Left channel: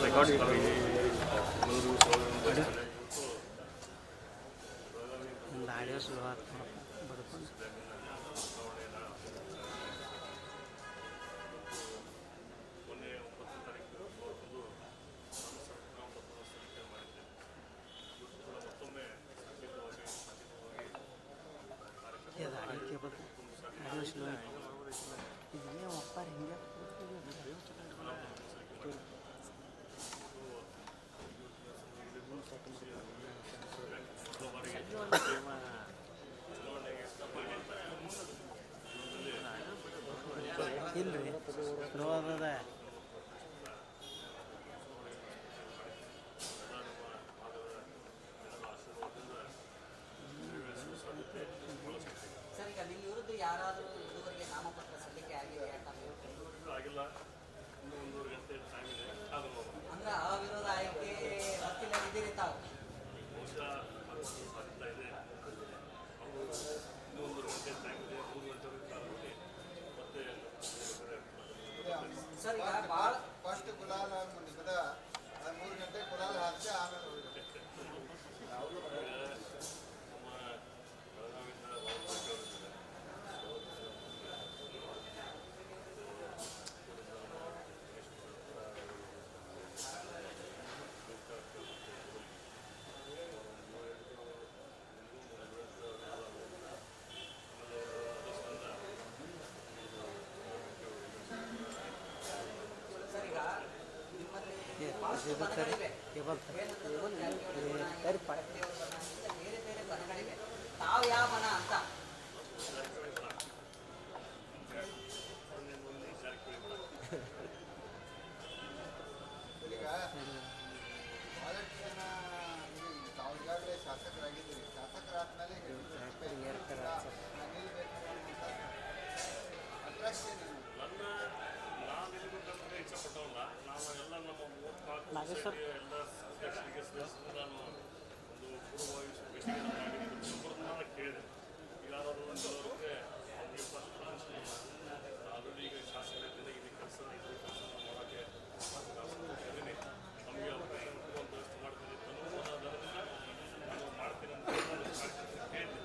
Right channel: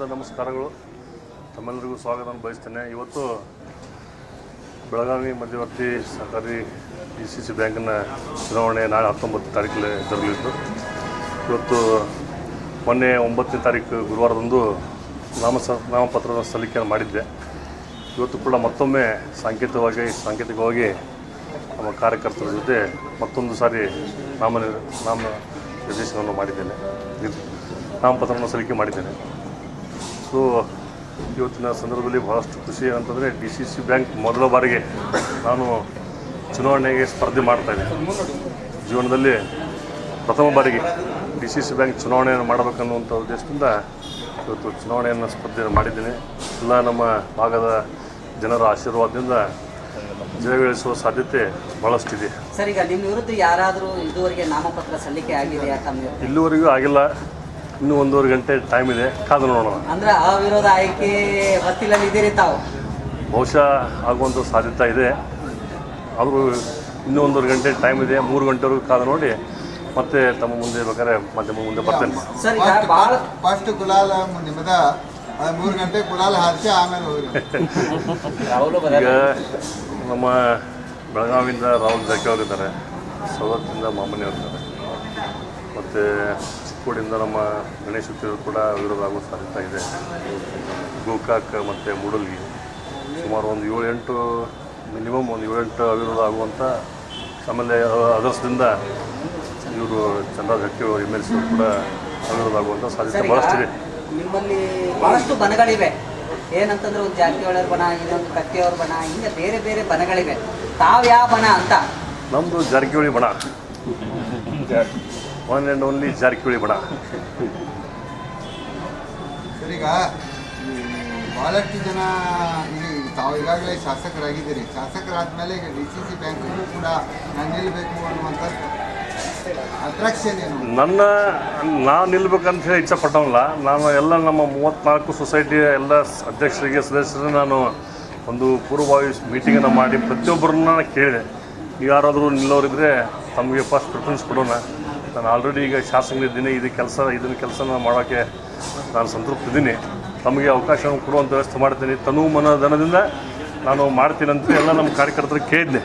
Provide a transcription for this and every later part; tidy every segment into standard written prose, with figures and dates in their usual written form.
ನಮಸ್ಕಾರಗಳು. ನಮ್ಮೆಲ್ಲರಿಗೂ ಸ್ವಾಗತ ಬಯಸ್ತೇನೆ. ಇವತ್ತು ಬೆಳಗಾವಿ ಮಧ್ಯವರ್ತಿ ಸಹಕಾರಿ DCC ಬ್ಯಾಂಕಿನ ಚುನಾವಣೆ ನಾಳೆ 19 ತಾರೀಕಲ್ಲಿ ಜರುಗಲಿದ್ದು, ಇವತ್ತು ಮೊನ್ನೆ 9ನೇ ತಾರೀಕು ಗುರುವಾರದಂದು ನಾಮಪತ್ರದ ಸಲ್ಲಿಕೆಯನ್ನು ಮಾಡಿದ್ದೆ. ಇವತ್ತು ಕೂಡ ಮತ್ತೊಮ್ಮೆ ಸಾಂಕೇತಿಕವಾಗಿ ನಮ್ಮ ಕಾರ್ಯಕರ್ತರ ಜೊತೆ ಮತ್ತೊಂದು ಸಾರಿ ನಾಮ ನಿರ್ದೇಶನವನ್ನು ಮಾಡಿದ್ದೇನೆ, ನಾಮಪತ್ರವನ್ನು ಸಲ್ಲಿಕೆ ಮಾಡಿದ್ದೇನೆ. ಸೊ ಇವತ್ತಿನ ಸಂದರ್ಭದಲ್ಲಿ ಬಹಳಷ್ಟು ಖುಷಿ ಏನಂತಂದರೆ DCC ಬ್ಯಾಂಕ್ ಮೊದಲ ಬಾರಿಗೆ ನಾನು ಚುನಾವಣೆಗೆ ಸ್ಪರ್ಧೆ ಮಾಡ್ತಾಯಿದ್ದೀನಿ. ಜೀವನದಲ್ಲಿ ಪ್ರಥಮ ಬಾರಿಗೆ DCC ಬ್ಯಾಂಕ್ ಚುನಾವಣೆಯನ್ನು ಮಾಡಬೇಕನ್ನುವಂಥ ಉದ್ದೇಶದಿಂದ ಇವತ್ತು ಚುನಾವಣೆಯನ್ನು ಸ್ಪರ್ಧೆಯನ್ನು ಮಾಡಿದ್ದೀನಿ. ಎಲ್ಲ ನಮ್ಮ ಭಾಗದ ಜನರ ಆಶೀರ್ವಾದದಿಂದ ಜಯಗಳಿಸುವ ಸಾಧ್ಯತೆ ಭಾಳಷ್ಟಿದೆ. ಸರ್, ಈಗ ನಿಮ್ಮ ವಿರುದ್ಧ ಯಾರಾದರೂ ಇದುವರೆಗೆ ನಾಮಪತ್ರ ಸಲ್ಲಿಕೆ ಆಗಿದೆಯಾ? ಇಲ್ಲಿವರೆಗೂ ಆಗಿಲ್ಲ. ಇನ್ನೂ 1.5 ಗಂಟೆ ಟೈಮ್ ಇದೆ, ಕಾದು ನೋಡೋಣ. ಅಂದರೆ ಅವಿರೋಧ ಆಯ್ಕೆ ಹೊತ್ತಿಲಲ್ಲಿ ಇದ್ದೀರಿ ತಾವು? ಬಹುಶಃ ಆಗುವಂಥ ಸಾಧ್ಯತೆ ಇದೆ. ಆದರೂ ಇನ್ನೂ 1.5 ಗಂಟೆ ಟೈಮ್ ಇದೆ. 3 ಗಂಟೆವರೆಗೂ ಕಾದು ನೋಡಿ ಮತ್ತೆ ತಮ್ಮ ಮುಂದೆ ಬೇಕಾದ್ರೆ ಮಾಧ್ಯಮ ಮುಂದೆ ಬರ್ತೇನೆ. ಸರ್, ಈಗ ಫಸ್ಟ್ ಗುಲಾಲ್ ನಿಮ್ಮದ 3 ಗಂಟೆ ಗುಲಾಲ್ ಹಾರಿಸಿ ಆಮೇಲೆ ಈಗ ನಮ್ಮ ಬೆಳಗಾವಿಯಿಂದ ರಾಹುಲ್ ಜಾರಕಿಹೊಳಿ ಇದ್ದಾರೆ, ಸವದತ್ತಿಂದ ಮಾಮನಿ ಅವರಿದ್ದಾರೆ, ಮತ್ತು ಚಿಕ್ಕೋಡಿಯಿಂದ ನಮ್ಮ ಗಣೇಶ್ ಹುಟ್ಟಿರು ಕೂಡ ವಿರೋಧ ಆಗೋ ಸಾಧ್ಯತೆ ಇದೆ. ಗೋಕಾಕ್ ಮತ್ತು ಮೂಡಲ್ಗಿ ಸುಮಾರು ಒಂದು 7-8 ಮಿನಿಮಮ್ ಒಂದು 7-8 ಅವಿರೋಧ ಆಗುವಂಥ, ಆಮೇಲೆ ಅದರ್ಸದಿಂದ ಇವರು ಚಂದ್ರರಾಜ್ ಹಟ್ಟಿಯವರು MLC ಕೂಡ ಅವಿರೋಧ ಆಗುವಂಥ ಸಾಧ್ಯತೆ ಭಾಳಷ್ಟಿದೆ. ನಿಮ್ಮಲ್ಲಿ ಭಾಳಷ್ಟು ಬಣಗಳಿವೆ. ಏನಂತಂದ್ರೆ ಒಂದು ಜಾರಕಿಹೊಳಿ ಬಣ, ಇನ್ನೊಂದು ಕತ್ತಿಯವ್ರ ಬಣ, ಹಿಂಗೆ ಬೇರೆ ಬೇರೆ ಬಣಗಳಿವೆ. ತಾವು ಯಾವ ಬಣ ಅಂತ? ನಮ್ಮದು ಜಾರಕಿಹೊಳಿ ಬಣ, ಒನ್ ಆ್ಯಂಡ್ ಓನ್ಲಿ ಜಾರಕಿಹೊಳಿ ಬಣ. ಸರ್, ಈಗ ಭಾಳಷ್ಟು ಜನ ಈಗ ತಾವು ಈಗಾಗಲೇ ಶಾಸಕರಾಗಿದ್ದೀರಿ. ಶಾಸಕರಾದ್ಮೇಲೆ ಈಗ DCC ಬ್ಯಾಂಕನ್ನು ಕೂಡ ನಾನು ನಿಲ್ಲಬೇಕು ಅನ್ನುವಂಥ ಅಟ್ರಾಕ್ಷನ್ ಏನು? ನಾನು ನಿಲ್ಬೇಕಂತ ಹೇಳಿ ಇಚ್ಛೆ ಪಟ್ಟವಲ್ಲ. ನಾನು ಎಲ್ಲ ನಮ್ಮ 34 ಸೊಸೈಟಿಯ ಎಲ್ಲ ಅಧ್ಯಕ್ಷರಿಗೆ ಸದಸ್ಯರಿಗೆ ನಾನು ಒಂದು ಪೂರ್ವಭಾವಿ ಮೀಟಿಂಗನ್ನು ಮಾಡಿ ಪ್ರತಿಯೊಬ್ಬರನ್ನ ಕೇಳಿದೆ, ಯಾರಾದರೂ ನಿಲ್ಲೋರಿದ್ದರೆ ತಮಗೆ ಫಸ್ಟ್ ಪ್ರಿಫರೆನ್ಸ್ ಕೊಡೋಣ. ನಾನು ಆಲ್ರೆಡಿ ಈಗ ಶಾಸಕನಿದ್ದೀನಿ, ಇದನ್ನು ಕೆಲಸನ ಮಾಡೋಕ್ಕೆ ನಾನು ಸಂತೃಪ್ತಿದ್ದೀನಿ. ತಮಗೆ ಅವಕಾಶವನ್ನು ಕೊಡುವಂಥ ವ್ಯವಸ್ಥೆ ಮಾಡ್ತೀನಿ, ತನು ಮನಧನದಿಂದ ನಾನು ಮಾಡ್ತೀನಿ ಅಂತ ಎಲ್ಲ ನಮ್ಮ ಕಾರ್ಯಕರ್ತರಿಗೆ ಕೇಳಿದ್ದೆ.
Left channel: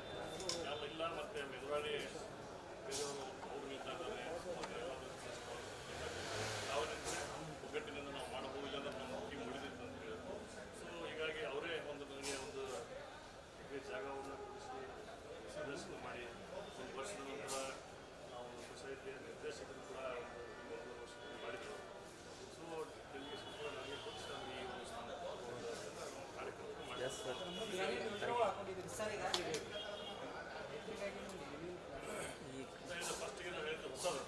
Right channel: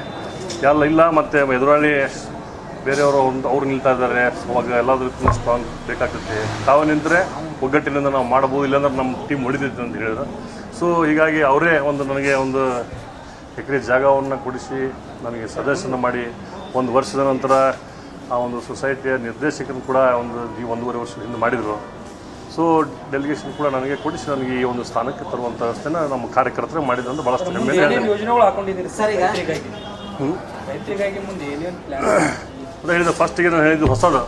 ಇಲ್ಲ ಮತ್ತು ಎದುರಾಳಿ ಬೇರೆಯವರು ಅವ್ರು ನಿಲ್ತಾ ಇದ್ದಾರೆ, ಅವಾಗ ಎಲ್ಲಾದ್ರೂ ಸ್ಟ್ರಾಂಗ್ ಬೇಕಾಗ್ತೈತೆ, ತಾವು ನಿಂತರೆ ಒಗ್ಗಟ್ಟಿನಿಂದ ನಾವು ಮಾಡ್ಬೋದು, ಇಲ್ಲಾಂದ್ರೆ ನಮ್ಮ ಟೀಮ್ ಹೊಡಿತೈತೆ ಅಂತ ಹೇಳಿದ್ರು. ಸೊ ಹೀಗಾಗಿ ಅವರೇ ನನಗೆ ಒಂದು ಎಕರೆ ಜಾಗವನ್ನು ಕೊಡಿಸಿ ನನಗೆ ಸದಸ್ಯನ ಮಾಡಿ 1 ವರ್ಷದ ನಂತರ ಆ ಒಂದು ಸೊಸೈಟಿಯ ನಿರ್ದೇಶಕರನ್ನು ಕೂಡ 1.5 ವರ್ಷದ ಹಿಂದೆ ಮಾಡಿದರು. ಸೊ ಡೆಲಿಗೇಷನ್ ಕೂಡ ನನಗೆ ಕೊಡಿಸಿ ನನಗೆ ಈ ಒಂದು ಸ್ಥಾನಕ್ಕೆ ತರುವಂಥ ವ್ಯವಸ್ಥೆನ ನಮ್ಮ ಕಾರ್ಯಕರ್ತರು ಮಾಡಿದ್ರು. ಭಾಳಷ್ಟು ಹೆಮ್ಮೆ. ಅದೇ ಹೇಳಿದ ಫಸ್ಟಿಗೆ ನಾನು ಹೇಳಿದ್ದು ಹೊಸದು.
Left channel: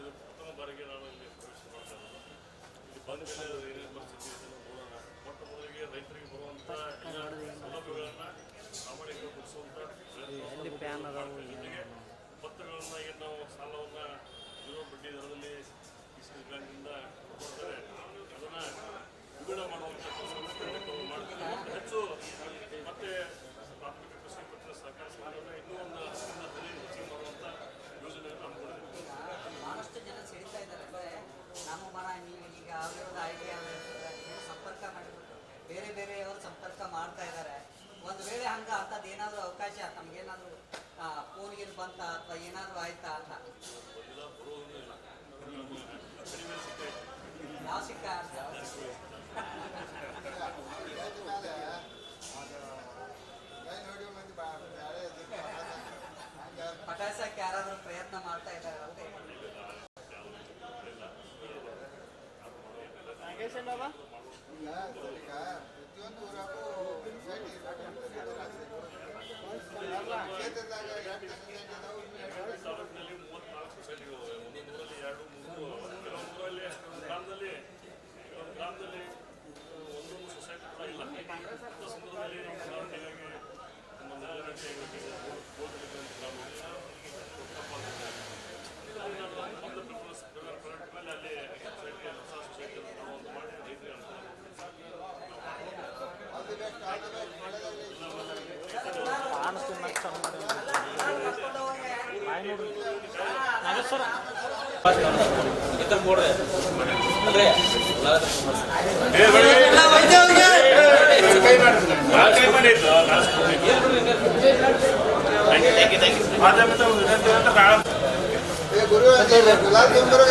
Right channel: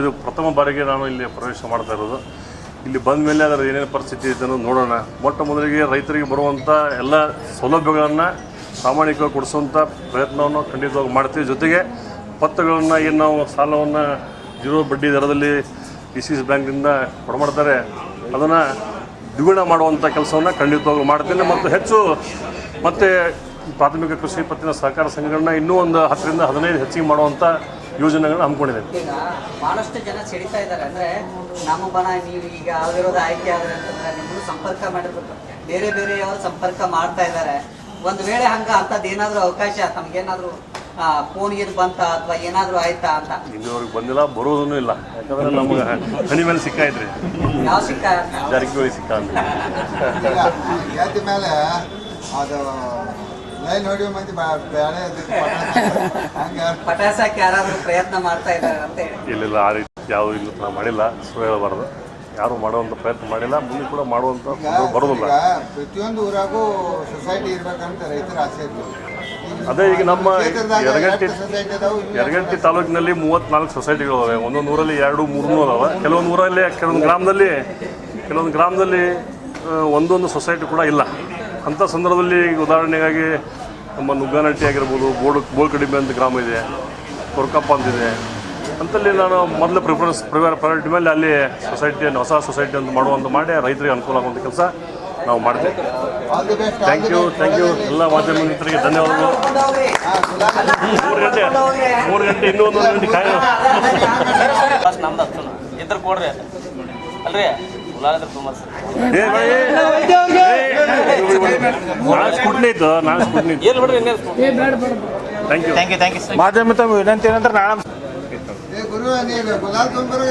ಇದು ಪ್ರಥಮ ಬಾರಿಗೆ ನಾನು ಇಲ್ಲಿ ಪ್ರವೇಶ ಮಾಡ್ತಾ ಇರೋದು. ಇಲ್ಲಿ ಬಂದ ಮೇಲೆ ಅದರ ಏನೇನು ಪರಿಸ್ಥಿತಿ ಇದೆ ಅನ್ನೋದು ನೋಡೋಣ. ಮೊಟ್ಟ ಮೊದಲಿಗೆ ರೈತರಿಗೆ ಬರುವಂಥ ಎಲ್ಲ ಸೌಲಭ್ಯಗಳನ್ನು ಪ್ರಾಮಾಣಿಕವಾಗಿ ಕೊಡಿಸುವಂಥ ಪ್ರಯತ್ನವನ್ನು ಖಂಡಿತವಾಗಿ ಮಾಡ್ತೀವಿ. ಜೊತೆಗೆ ಪತ್ರಗಳನ್ನು ಏನು ನಾವು ಸಾಲವನ್ನು 0 ಬಡ್ಡಿ ದರದಲ್ಲಿ DCC ಬ್ಯಾಂಕಿಂದ ಕೊಡಮಾಡ್ತಾರೆ, ಅದನ್ನು ದ್ವಿಗುಣ ಮಾಡುವಂಥ ಕೆಲಸವನ್ನು ಖಂಡಿತವಾಗಿ ಮಾಡ್ತೇನೆ. ಮತ್ತು ಮತ್ತು ಪ್ರಾಥಮಿಕ ಕೃಷಿ ಪತ್ತಿನ ಸಹಕಾರ ಸಂಘಗಳನ್ನ ಇನ್ನೂ ಒಂದು 10ರಿಂದ 15 ಹೆಚ್ಚಿಗೆ ಮಾಡುವಂಥ ಯೋಜನೆಗಳನ್ನ ಹಮ್ಮಿಕೊಂಡಿದ್ದೇವೆ. ಈಗ ಭಾಳಷ್ಟು ಜನ ಸಿಡಿತಾ ಇದ್ದಾರೆ, ಅಂದರೆ ನಮ್ಮ ಬಣ ನೀವು ಈಗ ಅವಿರೋಧ ಆಯ್ಕೆ ಆದರೆ ಅಂತಂದರೆ ನಿಮ್ಮನ್ನು ಸಂಪರ್ಕ ಮಾಡಿರ್ಬೇಕು, ಬೇರೆ ಬೇರೆಯವರು ಸಂಪರ್ಕ ಮಾಡ್ತಾ ಇದ್ದಾರೆ. ಒಂದು ವೇಳೆ ಅಂಥದ್ದು ಏನಾದರೂ ಅವಕಾಶ ತಮಗೇನಾದರೂ ಫೋನ್ಗೆ ಬಂತ ಅಥವಾ ಏನಾದರೂ ಆಯ್ತಾ ಅಂತ? ಇಲ್ಲಿವರೆಗೆ ಬಂದಿಲ್ಲ, ಬರೋದೂ ಇಲ್ಲ. ಯಾಕಂದರೆ ನಮಗೆ ಹಣಿ ಮೇಲೆ ಸಿಕ್ಕಾಯ್ತ್ರಿ. ಯಾವ ಸಿಕ್ಕ? ಜಾರಕಿಹೊಳಿ ಸಿಕ್ಕ ಅಂತ ಜಾತಿ ಮೇಲೆ ಅದು ಲೈನ್ ಹೊಡೆಯೋ ಮಂದಿ ಪಟಾಸಕ್ಕೆ ಯಾರಾದರೂ ಪ್ರಯತ್ನ ಮಾಡ್ತಾ ಇದ್ದಾರೆ ಅಂತ ಹೇಳಿ? ಇಲ್ಲ, ಆ ರೀತಿ ಯಾವುದೂ ಇಲ್ಲ, ನಾವು ಮಾಡಿಲ್ಲ. ಸುಳ್ಳು ಹೇಳಬಾರ್ದು. ಯಾರು ಮಾಡುವಂಥ ಪ್ರಯತ್ನ ಮಾಡಿಲ್ಲ, ಮುಂದೆ ಕೂಡ ಮಾಡುವಂಥ ಬರೋದಿಲ್ಲ. ಪ್ರತಿಯೊಂದು ಊರಾಗೂ ಸೊಸೈಟಿ ಇರ್ಬೇಕಂತ ರೈತರ ಆಸೆ ಇರ್ತದೆ. ಅದೇ ಈಗ ನಮ್ಮ ಯರಗಟ್ಟಿ ತಾಲೂಕಿನಲ್ಲಿ 34 ಸೊಸೈಟಿಗಳಿವೆ. ಒಂದೊಂದು ಊರಲ್ಲಿ 200-300 ಅದಾವೆ. ಕೆಲವೊಂದು ಗ್ರಾಮದಲ್ಲಿ ಒಂದೊಂದು ಸೊಸೈಟಿ ಕೂಡ ಇಲ್ಲ. ಅಂಥ ಸಂದರ್ಭದಲ್ಲಿ ಈಗ ಉದಾಹರಣೆಗಾಗಿ ನಮ್ಮ ನುಗ್ಗಾನಟ್ಟಿ ಆಗಿರ್ಬೋದು, ಬೋಳ್ಕಡಿಮೆ ಅಂತ ಗ್ರಾಮ ಇದೆ, ಕೊರ್ಕಪ್ಪ ಅಂತಿದೆ. ಅಂತಲ್ಲಿ ನಾನು ಮೊದಲು ಪ್ರಯಾರಿಟಿ ಮೇಲೆ ಅಲ್ಲಿ ಹೊಸ ಸೊಸೈಟಿ ಅಂತ ಮಾಡಿ ರೈತರಿಗೆ ಅನುಕೂಲ ಆಗುವಂಥ ಕೆಲಸ ನಾವು ಮಾಡ್ತೇವೆ. ಥ್ಯಾಂಕ್ ಯು ಎಲ್ಲ ಮಾಧ್ಯಮ ಮಿತ್ರರಿಗೆ ಧನ್ಯವಾದಗಳು. 3 ಗಂಟೆ ಇನ್ನೂ 1 ಗಂಟೆ ಕಾಯ ಮಾಧ್ಯಮ ತಮ್ಮ ವಿನಂತಿ ಏನಂತ ನಾಳೆ ಗುರು ಗುಲಾಬ್ ತೊಂಬರು